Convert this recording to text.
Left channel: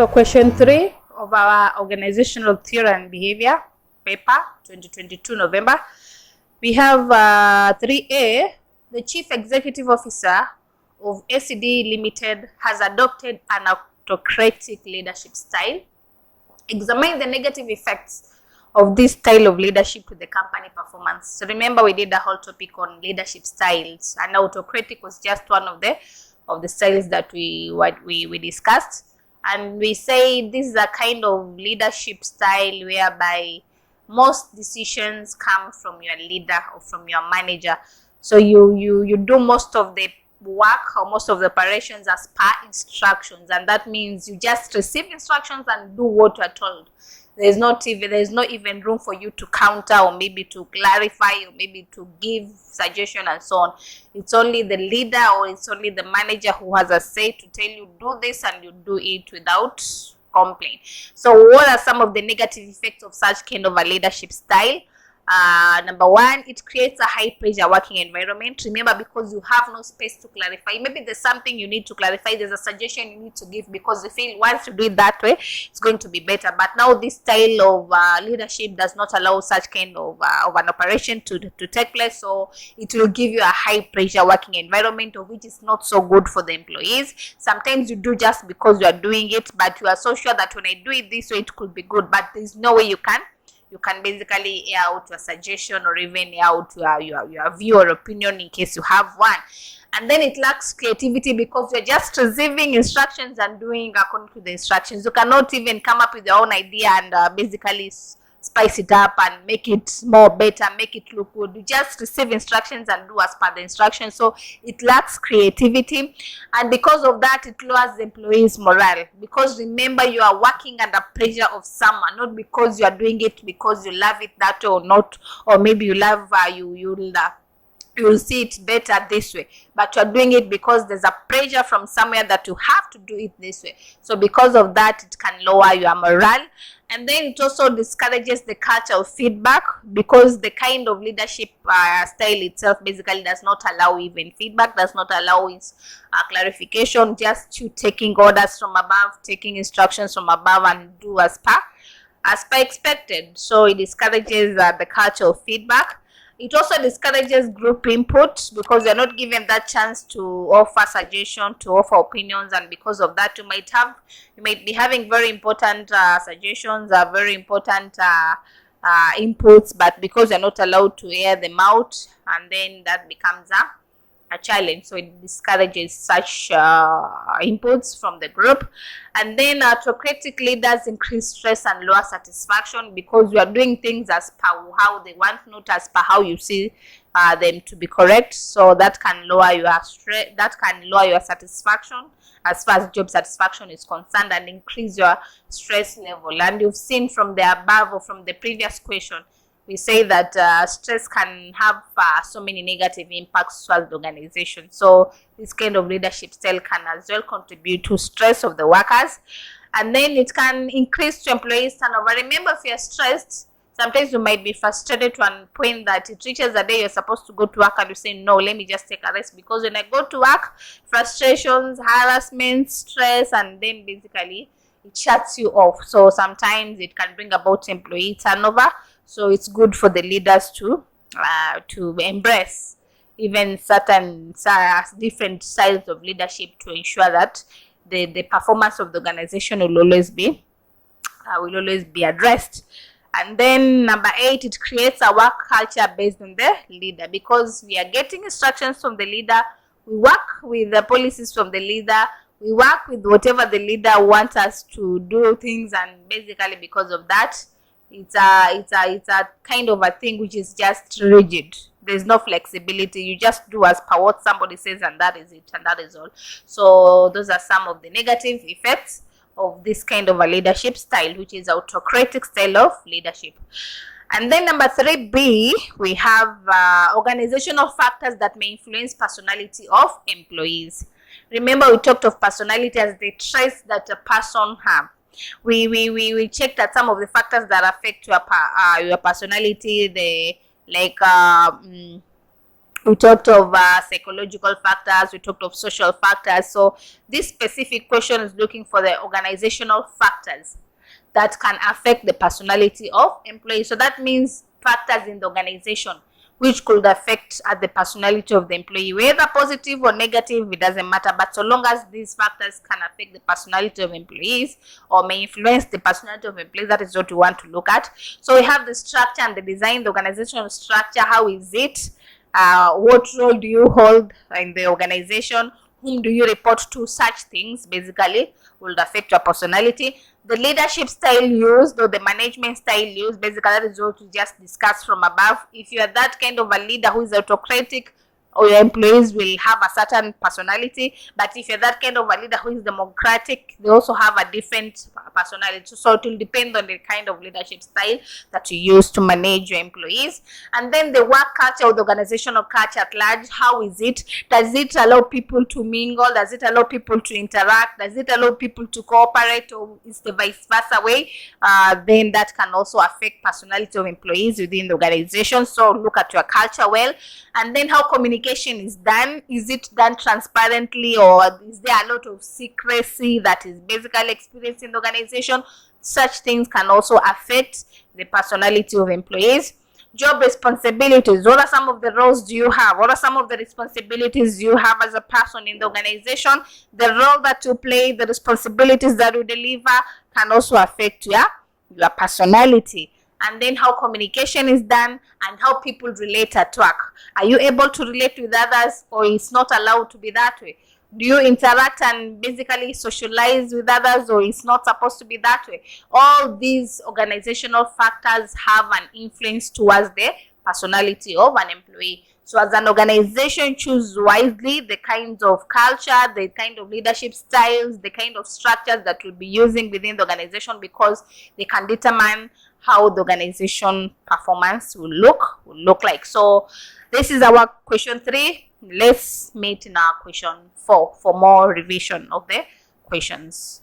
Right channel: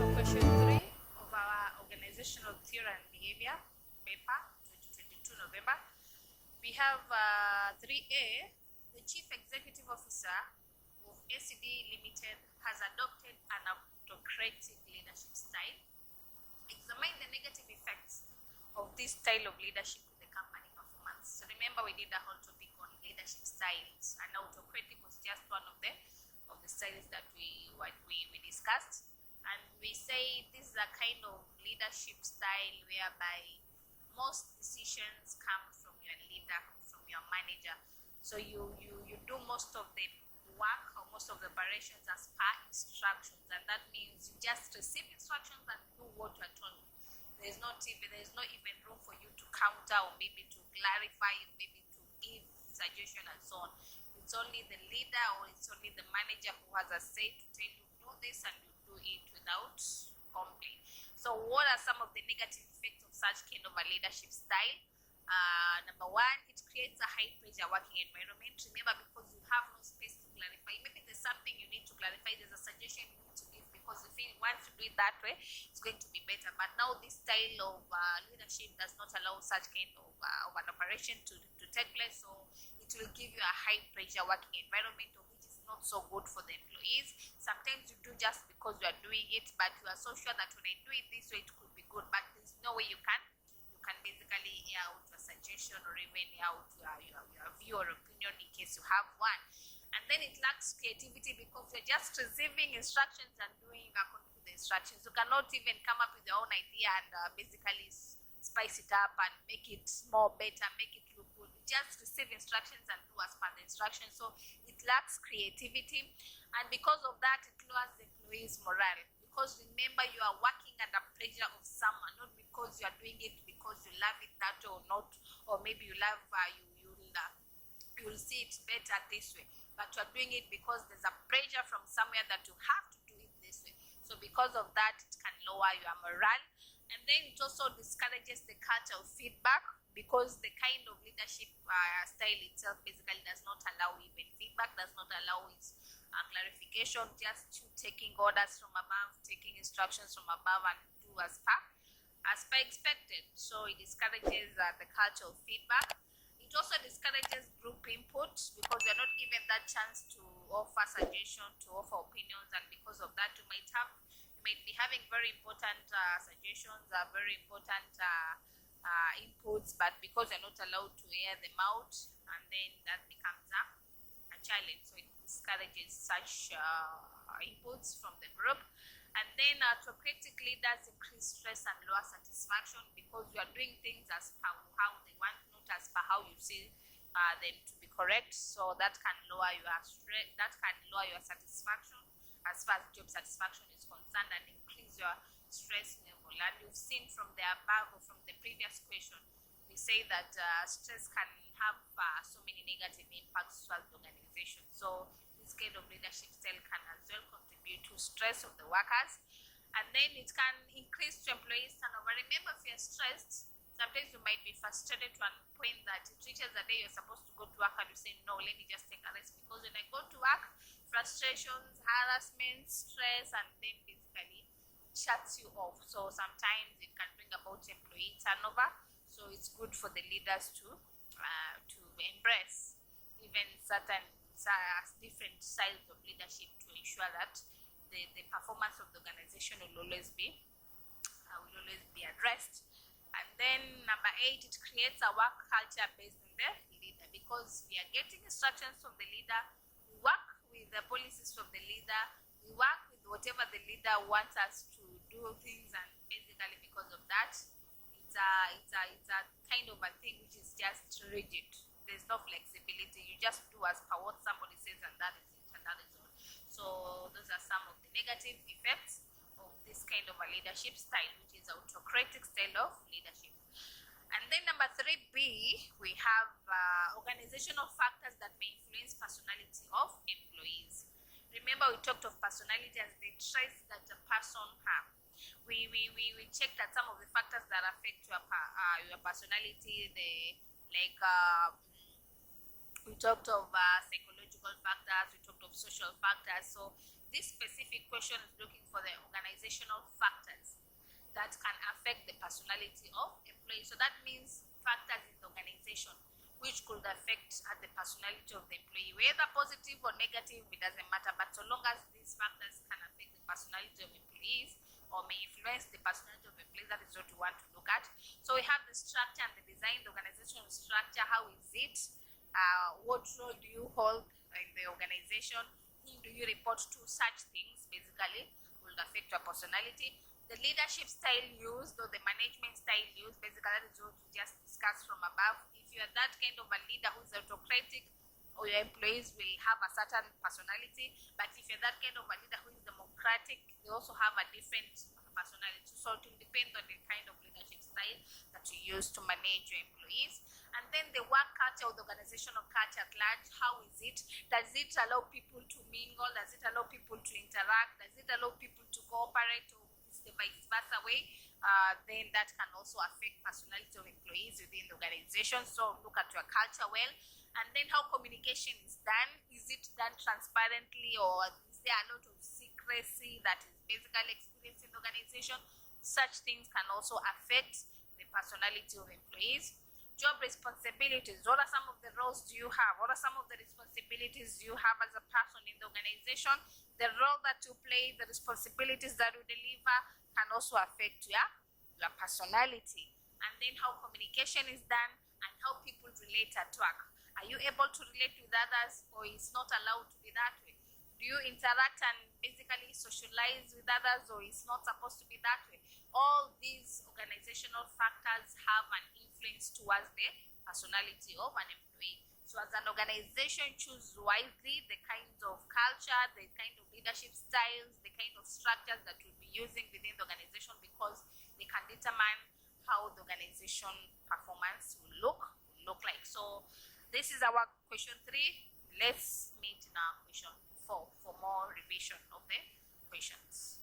So question 3 of our organizational theory and behavior paper 2022 November. We have 3A. The Chief Executive Officer of ACD Limited has adopted an autocratic leadership style. Examine the negative effects of this style of leadership to the company performance. So remember, we did a whole topic on leadership styles, and autocratic was just one of the styles that we discussed. And we say this is a kind of leadership style whereby most decisions come from your leader or from your manager. So you do most of the work or most of the operations as per instructions, and that means you just receive instructions and do what you are told. There's not even room for you to counter or maybe to clarify or maybe to give suggestion and so on. It's only the leader or it's only the manager who has a say to tell you do this, and you do it without complaint. So what are some of the negative effects of such kind of a leadership style? Number one, it creates a high pressure working environment. Remember, because you have no space to clarify, maybe there's something you need to clarify, there's a suggestion you need to give, because you feel once you do it that way, it's going to be better. But now this style of leadership does not allow such kind of an operation to take place. So it will give you a high pressure working environment, which is not so good for the employees. Sometimes you do just because you are doing it, but you are so sure that when I do it this way, it could be good, but there's no way you can basically air out your suggestion or even air out your view or opinion in case you have one. And then it lacks creativity because you're just receiving instructions and doing according to the instructions. You cannot even come up with your own idea and basically spice it up and make it more better, make it look good. You just receive instructions and do as per the instructions. So it lacks creativity, and because of that, it lowers the employees' morale. Because remember, you are working under pressure of someone, not because you are doing it because you love it that way or not, or maybe you love you'll see it better this way, but you're doing it because there's a pressure from somewhere that you have to do it this way. So because of that, it can lower your morale. And then it also discourages the culture of feedback, because the kind of leadership style itself basically does not allow even feedback, does not allow its clarification, just you taking orders from above, taking instructions from above and do as per expected. So it discourages the culture of feedback. It also discourages group input, because you're not given that chance to offer suggestion, to offer opinions, and because of that, you might be having very important suggestions, very important inputs, but because you're not allowed to air them out, and then that becomes a challenge. So it discourages such inputs from the group. And then autocratic leaders increase stress and lower satisfaction, because you are doing things as per how they want, not as per how you see them to be correct. So that can lower your stress, that can lower your satisfaction as far as job satisfaction is concerned, and increase your stress level. And you've seen from the above or from the previous question, we say that stress can have so many negative impacts towards the organization. So this kind of leadership style can as well contribute to stress of the workers. And then it can increase to employees turnover. Remember, if you're stressed, sometimes you might be frustrated to a point that it reaches a day you're supposed to go to work and you say, no, let me just take a rest, because when I go to work, frustrations, harassment, stress, and then basically it shuts you off. So sometimes it can bring about employee turnover. So it's good for the leaders to embrace even certain different styles of leadership to ensure that the performance of the organization will always be addressed. And then number 8, it creates a work culture based on the leader, because we are getting instructions from the leader, we work with the policies from the leader, we work with whatever the leader wants us to do things, and basically because of that, it's a kind of a thing which is just rigid. There's no flexibility. You just do as per what somebody says, and that is it, and that is all. So those are some of the negative effects of this kind of a leadership style, which is autocratic style of leadership. And then number 3B, we have organizational factors that may influence personality of employees. Remember, we talked of personality as the traits that a person has. We checked at some of the factors that affect your personality, We talked of psychological factors, we talked of social factors. So this specific question is looking for the organizational factors that can affect the personality of employees. So that means factors in the organization which could affect the personality of the employee, whether positive or negative, it doesn't matter, but so long as these factors can affect the personality of employees or may influence the personality of employees, that is what we want to look at. So we have the structure and the design, the organizational structure. How is it? What role do you hold in the organization? Whom do you report to? Such things basically will affect your personality. The leadership style used or the management style used, basically that is what we just discussed from above. If you are that kind of a leader who is autocratic, or your employees will have a certain personality. But if you're that kind of a leader who is democratic, they also have a different personality. So it will depend on the kind of leadership style that you use to manage your employees. And then the work culture or the organizational culture at large, how is it? Does it allow people to mingle? Does it allow people to interact? Does it allow people to cooperate, or is the vice versa way? Then that can also affect personality of employees within the organization. So look at your culture well. And then how communication is done. Is it done transparently, or is there a lot of secrecy that is basically experienced in the organization? Such things can also affect the personality of employees. Job responsibilities. What are some of the roles do you have? What are some of the responsibilities you have as a person in the organization? The role that you play, the responsibilities that you deliver can also affect your personality. And then how communication is done and how people relate at work. Are you able to relate with others, or it's not allowed to be that way? Do you interact and basically socialize with others, or it's not supposed to be that way? All these organizational factors have an influence towards the personality of an employee. So as an organization, choose wisely the kinds of culture, the kind of leadership styles, the kind of structures that you'll be using within the organization, because they can determine how the organization performance will look like. So this is our question 3. Let's meet in our question 4 for more revision of the questions.